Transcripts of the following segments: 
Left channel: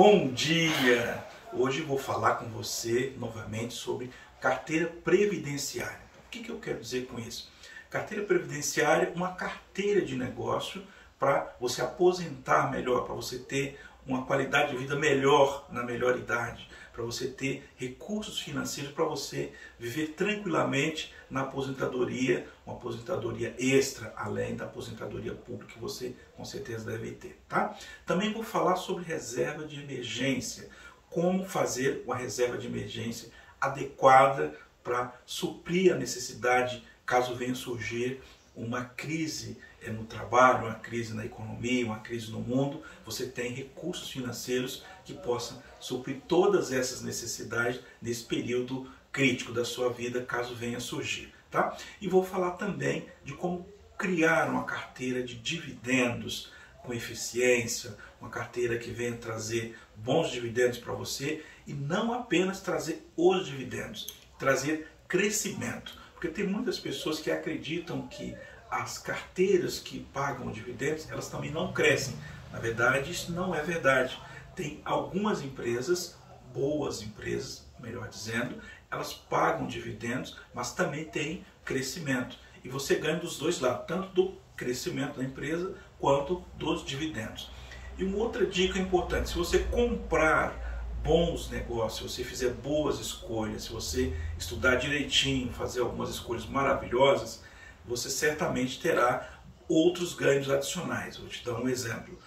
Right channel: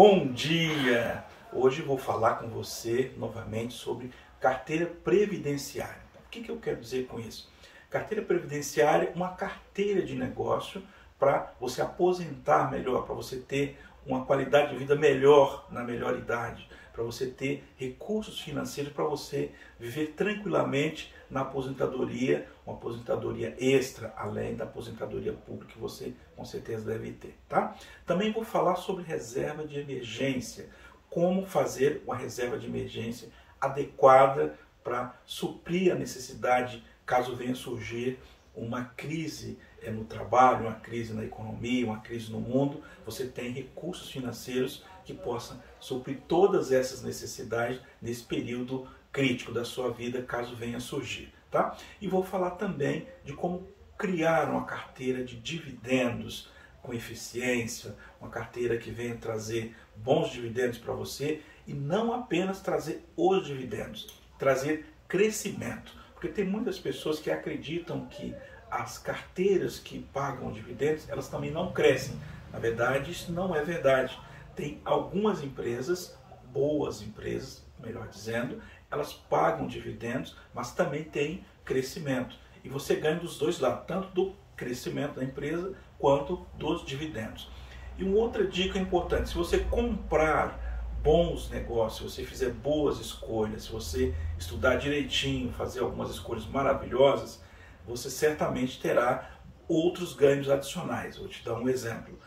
Bom dia! Hoje vou falar com você novamente sobre carteira previdenciária. O que eu quero dizer com isso? Carteira previdenciária é uma carteira de negócio para você aposentar melhor, para você ter uma qualidade de vida melhor na melhor idade, para você ter recursos financeiros para você viver tranquilamente na aposentadoria, uma aposentadoria extra, além da aposentadoria pública que você com certeza deve ter, tá? Também vou falar sobre reserva de emergência, como fazer uma reserva de emergência adequada para suprir a necessidade caso venha surgir uma crise no trabalho, uma crise na economia, uma crise no mundo. Você tem recursos financeiros que possam suprir todas essas necessidades nesse período crítico da sua vida, caso venha surgir, tá? E vou falar também de como criar uma carteira de dividendos com eficiência, uma carteira que venha trazer bons dividendos para você e não apenas trazer os dividendos, trazer crescimento. Porque tem muitas pessoas que acreditam que as carteiras que pagam dividendos, elas também não crescem. Na verdade, isso não é verdade. Tem algumas empresas, boas empresas, melhor dizendo, elas pagam dividendos, mas também tem crescimento. E você ganha dos dois lados, tanto do crescimento da empresa quanto dos dividendos. E uma outra dica importante, se você comprar bons negócios, se você fizer boas escolhas, se você estudar direitinho, fazer algumas escolhas maravilhosas, você certamente terá outros ganhos adicionais. Vou te dar um exemplo.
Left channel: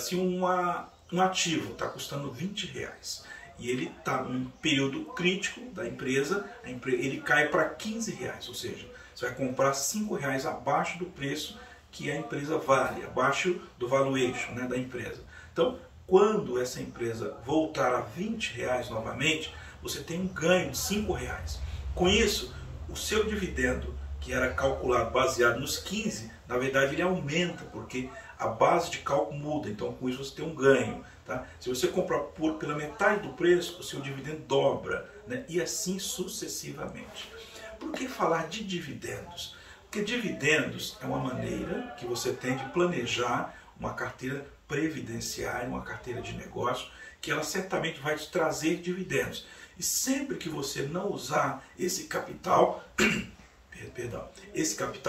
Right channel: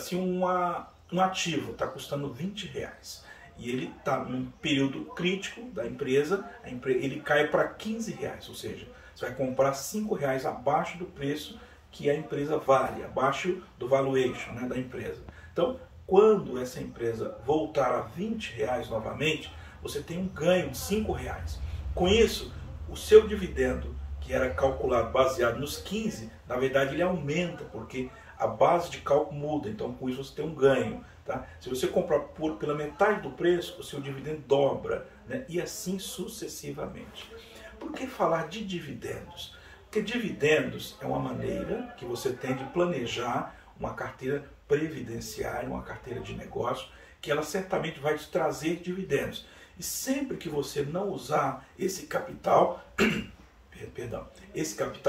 Se um ativo está custando R$20 e ele está num período crítico da empresa, ele cai para R$15, ou seja, você vai comprar R$5 abaixo do preço que a empresa vale, abaixo do valuation, né, da empresa. Então, quando essa empresa voltar a R$20 novamente, você tem um ganho de R$5. Com isso, o seu dividendo, que era calculado baseado nos 15, na verdade ele aumenta, porque a base de cálculo muda, então com isso você tem um ganho. Tá? Se você comprar pela metade do preço, o seu dividendo dobra, né? E assim sucessivamente. Por que falar de dividendos? Porque dividendos é uma maneira que você tem de planejar uma carteira previdenciária, uma carteira de negócio, que ela certamente vai te trazer dividendos. E sempre que você não usar esse capital,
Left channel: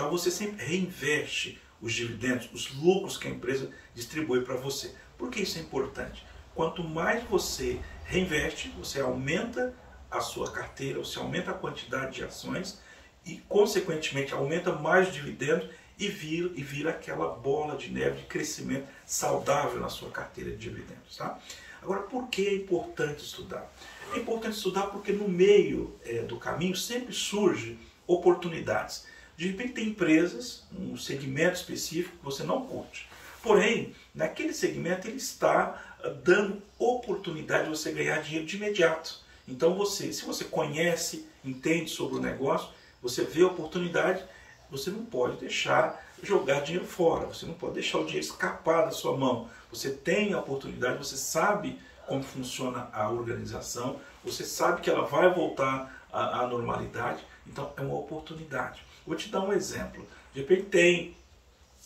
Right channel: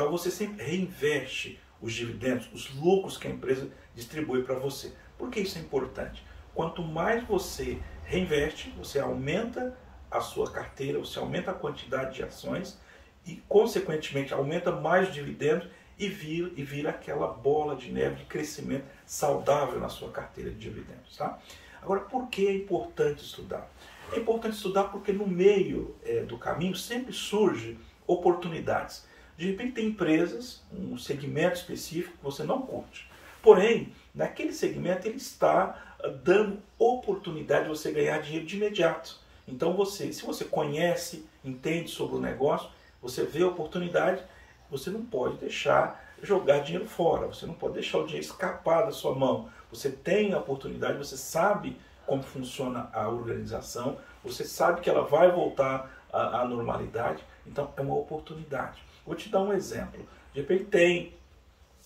você sempre reinveste os dividendos, os lucros que a empresa distribui para você. Por que isso é importante? Quanto mais você reinveste, você aumenta a sua carteira, você aumenta a quantidade de ações e, consequentemente, aumenta mais dividendos e vira aquela bola de neve de crescimento saudável na sua carteira de dividendos. Tá? Agora, por que é importante estudar? É importante estudar porque no meio do caminho sempre surge oportunidades. De repente tem empresas, um segmento específico que você não curte. Porém, naquele segmento ele está dando oportunidade de você ganhar dinheiro de imediato. Então se você conhece, entende sobre o negócio, você vê a oportunidade, você não pode deixar jogar dinheiro fora, você não pode deixar o dinheiro escapar da sua mão. Você tem a oportunidade, você sabe como funciona a organização, você sabe que ela vai voltar à normalidade, então é uma oportunidade. Vou te dar um exemplo. De repente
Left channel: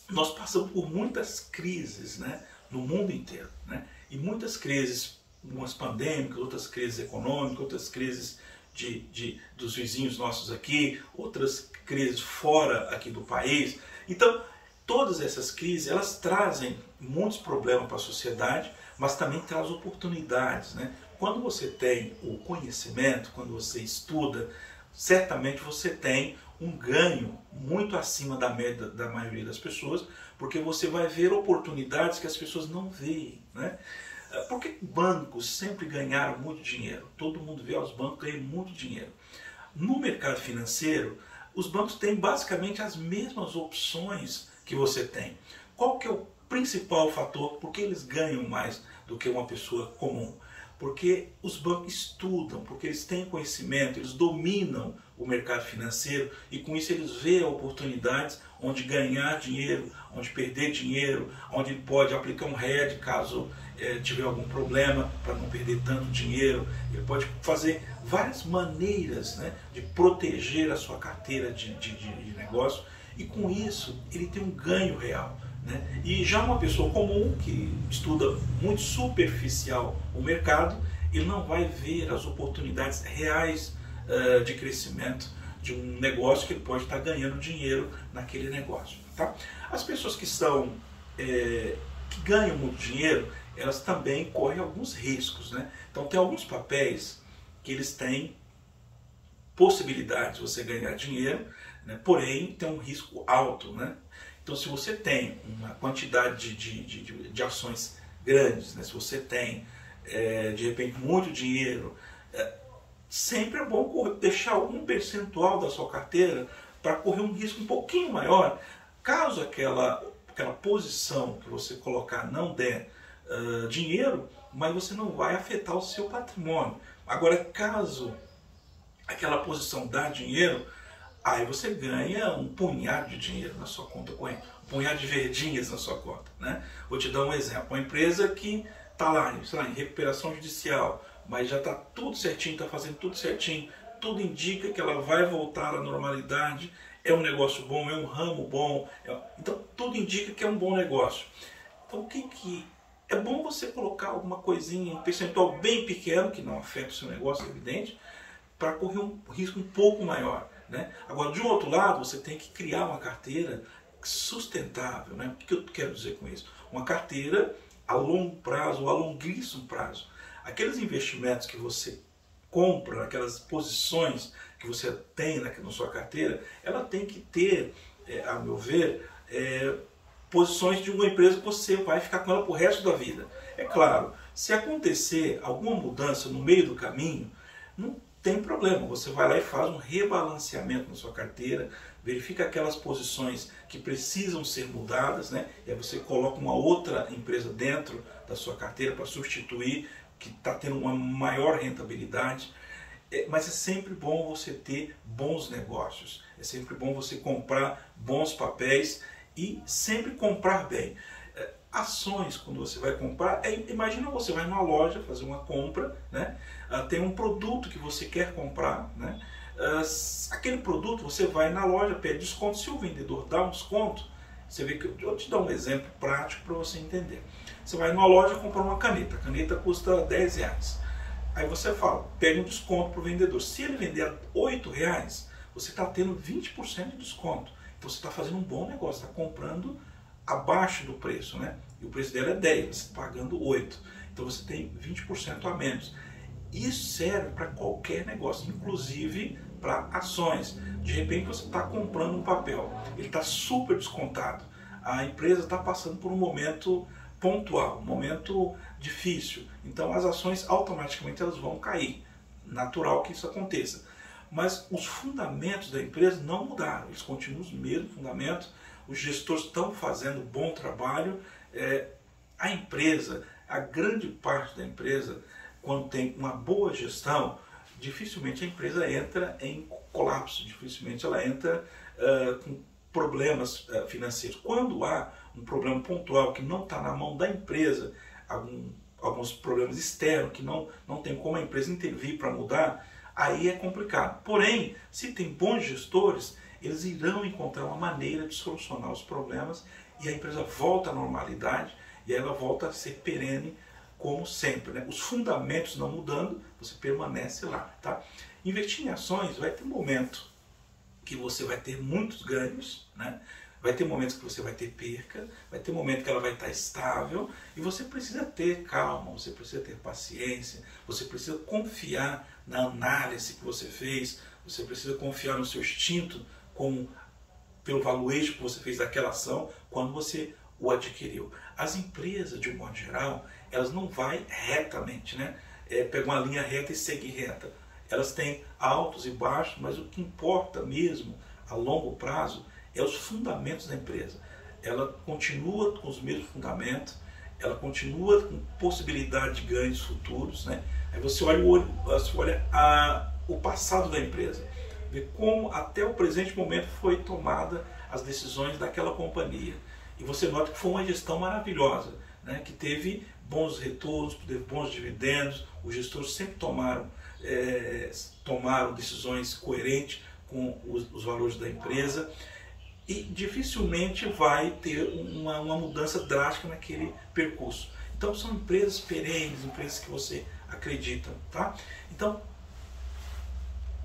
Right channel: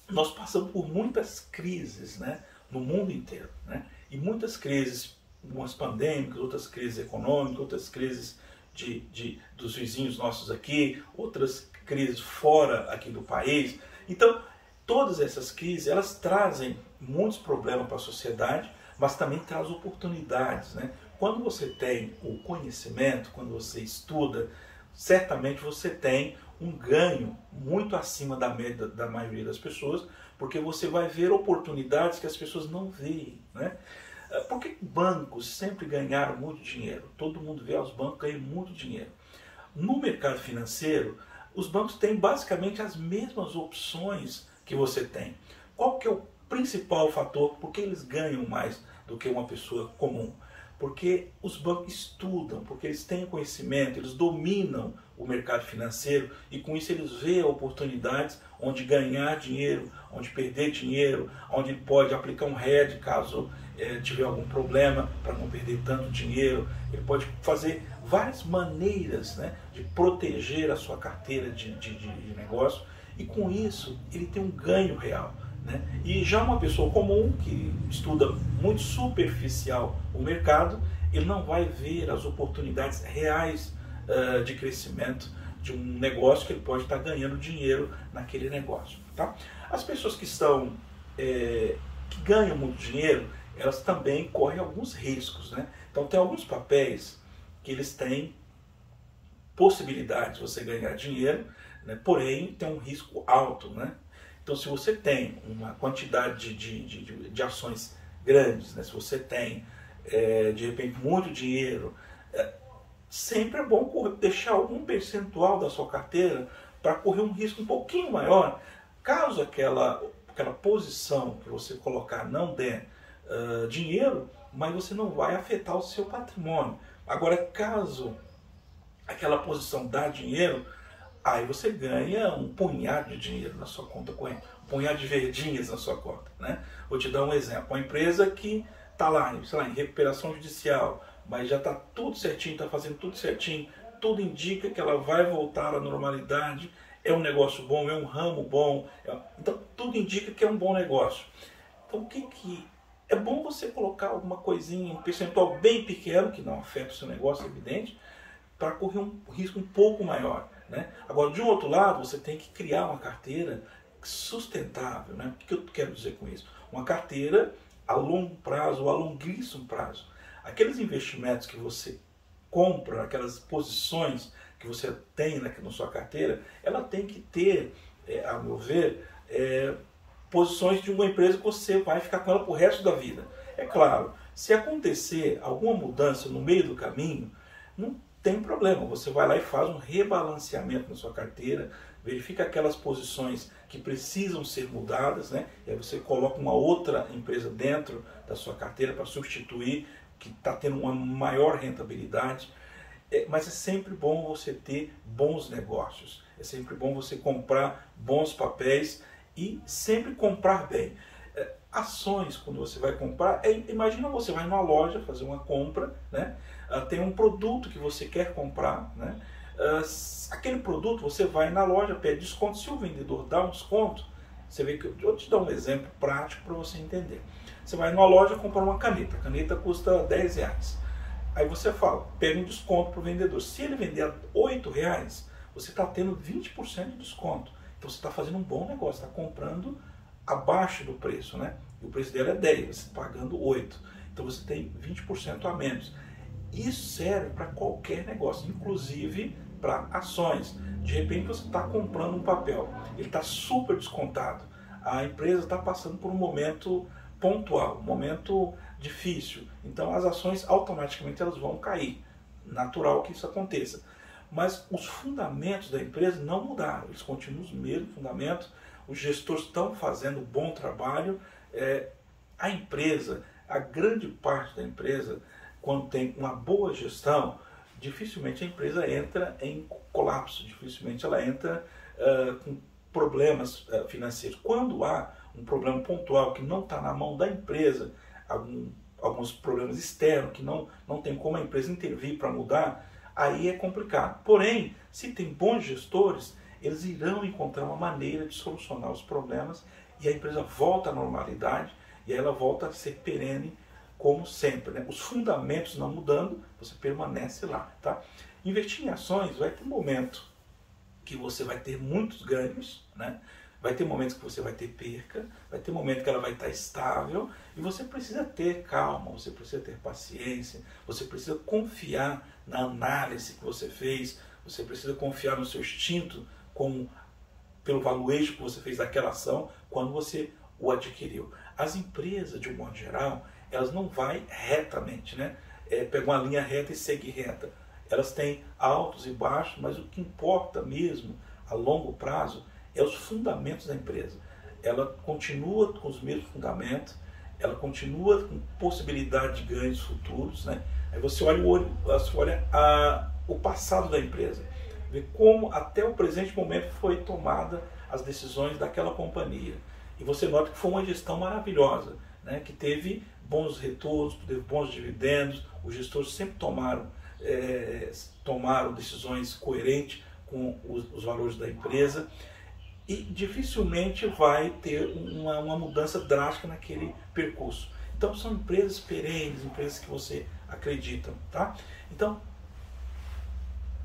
nós passamos por muitas crises, né, no mundo inteiro, né, e muitas crises, umas pandêmicas, outras crises econômicas, outras crises dos vizinhos nossos aqui, outras crises fora aqui do país. Então, todas essas crises, elas trazem muitos problemas para a sociedade, mas também traz oportunidades, né? Quando você tem o conhecimento, quando você estuda, certamente você tem um ganho muito acima da média da maioria das pessoas, porque você vai ver oportunidades que as pessoas não veem, né? Por que bancos sempre ganharam muito dinheiro? Todo mundo vê os bancos ganham muito dinheiro. No mercado financeiro, os bancos têm basicamente as mesmas opções que você tem. Qual que é o principal fator? Por que eles ganham mais do que uma pessoa comum? Porque os bancos estudam, porque eles têm conhecimento, eles dominam o mercado financeiro e com isso eles veem oportunidades onde ganhar dinheiro, onde perder dinheiro, onde ele pode aplicar um hedge caso tiver algum problema para não perder tanto dinheiro. Ele pode fazer várias maneiras, né, de proteger a sua carteira de negócio e com isso ele tem um ganho real. né? E já uma pessoa comum, que estuda muito superficial o mercado, ele não vai ver as oportunidades reais de crescimento de um negócio que ele pode estar ganhando dinheiro naquele negócio. Tá? As pessoas que são que ganham muito dinheiro, elas também correm alguns riscos, né? Então tem alguns papéis que eles têm possibilidades de você ganhar dinheiro, né? Porém tem um risco alto, né? Então se você tem uma quantidade de ações grandes, né? Se você tem de repente muito dinheiro, sempre é bom deixar algum percentual da sua carteira para correr um risco um pouquinho maior, caso aquela posição que você colocar não der dinheiro, mas você não vai afetar o seu patrimônio. Agora, caso aquela posição dá dinheiro, aí você ganha um punhado de dinheiro na sua conta corrente, um punhado de verdinhas na sua conta, né? Vou te dar um exemplo. Uma empresa que está lá, sei lá, em recuperação judicial, mas já está tudo certinho, está fazendo tudo certinho, tudo indica que ela vai voltar à normalidade, é um negócio bom, é um ramo bom, então tudo indica que é um bom negócio. Então o que é bom você colocar alguma coisinha, um percentual bem pequeno, que não afeta o seu negócio, é evidente, para correr um risco um pouco maior, né? Agora, de um outro lado, você tem que criar uma carteira sustentável, né? O que eu quero dizer com isso? Uma carteira a longo prazo ou a longuíssimo prazo. Aqueles investimentos que você compra, aquelas posições que você tem na sua carteira, ela tem que ter, a meu ver, posições de uma empresa que você vai ficar com ela pro resto da vida. É claro, se acontecer alguma mudança no meio do caminho, não tem problema, você vai lá e faz um rebalanceamento na sua carteira, verifica aquelas posições que precisam ser mudadas, né? E aí você coloca uma outra empresa dentro da sua carteira para substituir, que está tendo uma maior rentabilidade. Mas é sempre bom você ter bons negócios, é sempre bom você comprar bons papéis e sempre comprar bem. Ações, quando você vai comprar, imagina você vai numa loja fazer uma compra, né? Tem um produto que você quer comprar, né? Aquele produto você vai na loja, pede desconto, se o vendedor dá um desconto, você vê que eu vou te dar um exemplo prático para você entender. Você vai numa loja comprar uma caneta, a caneta custa R$10. Aí você fala, pega um desconto para o vendedor. Se ele vender a R$8, você está tendo 20% de desconto. Então você está fazendo um bom negócio, está comprando abaixo do preço, né? E o preço dela é 10, você está pagando 8. Então você tem 20% a menos. Isso serve para qualquer negócio, inclusive para ações. De repente você está comprando um papel, ele está super descontado. A empresa está passando por um momento pontual, um momento difícil. Então as ações automaticamente elas vão cair. Natural que isso aconteça. Mas os fundamentos da empresa não mudaram, eles continuam os mesmos fundamentos. Os gestores estão fazendo um bom trabalho. A empresa, a grande parte da empresa, quando tem uma boa gestão, dificilmente a empresa entra em colapso, dificilmente ela entra com problemas financeiros. Quando há um problema pontual que não está na mão da empresa, alguns problemas externos que não tem como a empresa intervir para mudar, aí é complicado. Porém, se tem bons gestores, eles irão encontrar uma maneira de solucionar os problemas e a empresa volta à normalidade e aí ela volta a ser perene como sempre, né? Os fundamentos não mudando, você permanece lá, tá? Investir em ações vai ter momento que você vai ter muitos ganhos, né? Vai ter momentos que você vai ter perca, vai ter momento que ela vai estar estável e você precisa ter calma, você precisa ter paciência, você precisa confiar na análise que você fez, você precisa confiar no seu instinto pelo valuation que você fez daquela ação quando você o adquiriu. As empresas, de um modo geral, elas não vão retamente, né? Pegam uma linha reta e seguem reta. Elas têm altos e baixos, mas o que importa mesmo a longo prazo é os fundamentos da empresa. Ela continua com os mesmos fundamentos, ela continua com possibilidade de ganhos futuros, né? Aí você olha o passado da empresa, vê como até o presente momento foi tomada as decisões daquela companhia. E você nota que foi uma gestão maravilhosa, né? Que teve bons retornos, teve bons dividendos, os gestores sempre tomaram decisões coerentes com os valores da empresa. e dificilmente vai ter uma mudança drástica naquele percurso. Então são empresas perenes, empresas que você acredita, tá? Então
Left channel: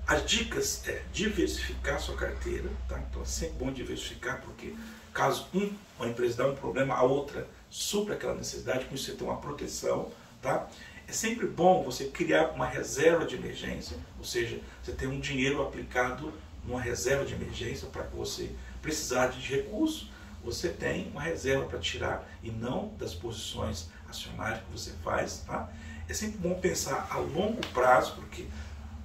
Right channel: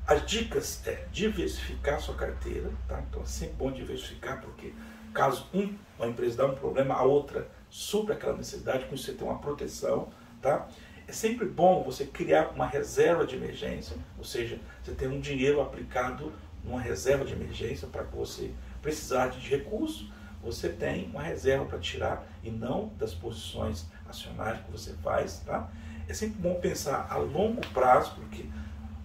as dicas é diversificar sua carteira, tá? Então é sempre bom diversificar, porque caso uma empresa dá um problema, a outra supra aquela necessidade, com isso você tem uma proteção, tá? É sempre bom você criar uma reserva de emergência, ou seja, você tem um dinheiro aplicado numa reserva de emergência para que você precisar de recurso, você tem uma reserva para tirar e não das posições acionárias que você faz, tá? É sempre bom pensar a longo prazo, porque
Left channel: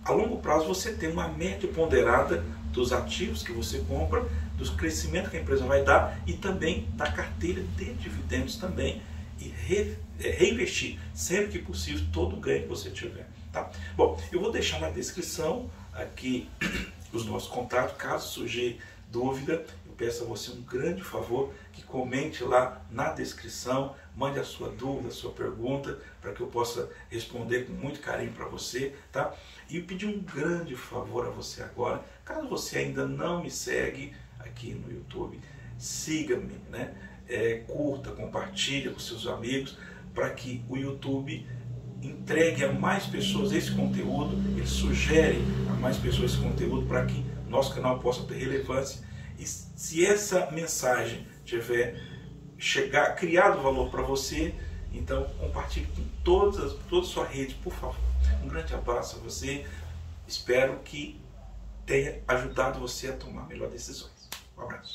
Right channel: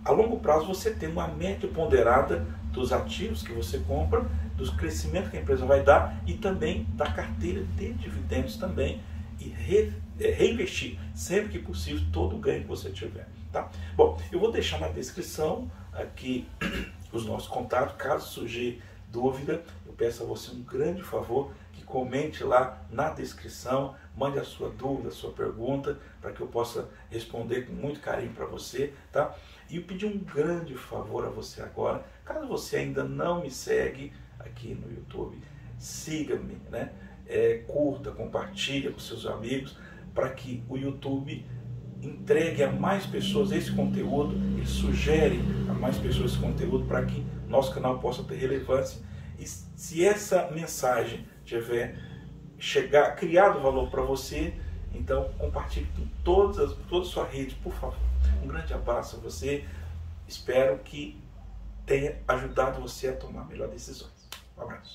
a longo prazo você tem uma média ponderada dos ativos que você compra, do crescimento que a empresa vai dar e também da carteira de dividendos também, e reinvestir sempre que possível todo o ganho que você tiver, tá? Bom, eu vou deixar na descrição aqui os nossos contatos, caso surgir dúvida, eu peço a você um grande favor que comente lá na descrição, mande a sua dúvida, a sua pergunta, para que eu possa responder com muito carinho para você, tá? E eu pedi um grande favor a você agora, caso você ainda não me segue aqui no YouTube, siga-me, né? Curta, compartilha com seus amigos, para que o YouTube entregue a mais pessoas esse conteúdo, ele sugere a mais pessoas esse conteúdo para que nosso canal possa ter relevância. E se essa mensagem tiver criado valor para você, então compartilhe com toda a sua rede, por favor. Um grande abraço a você, espero que tenha ajudado você a tomar melhores decisões. Um abraço.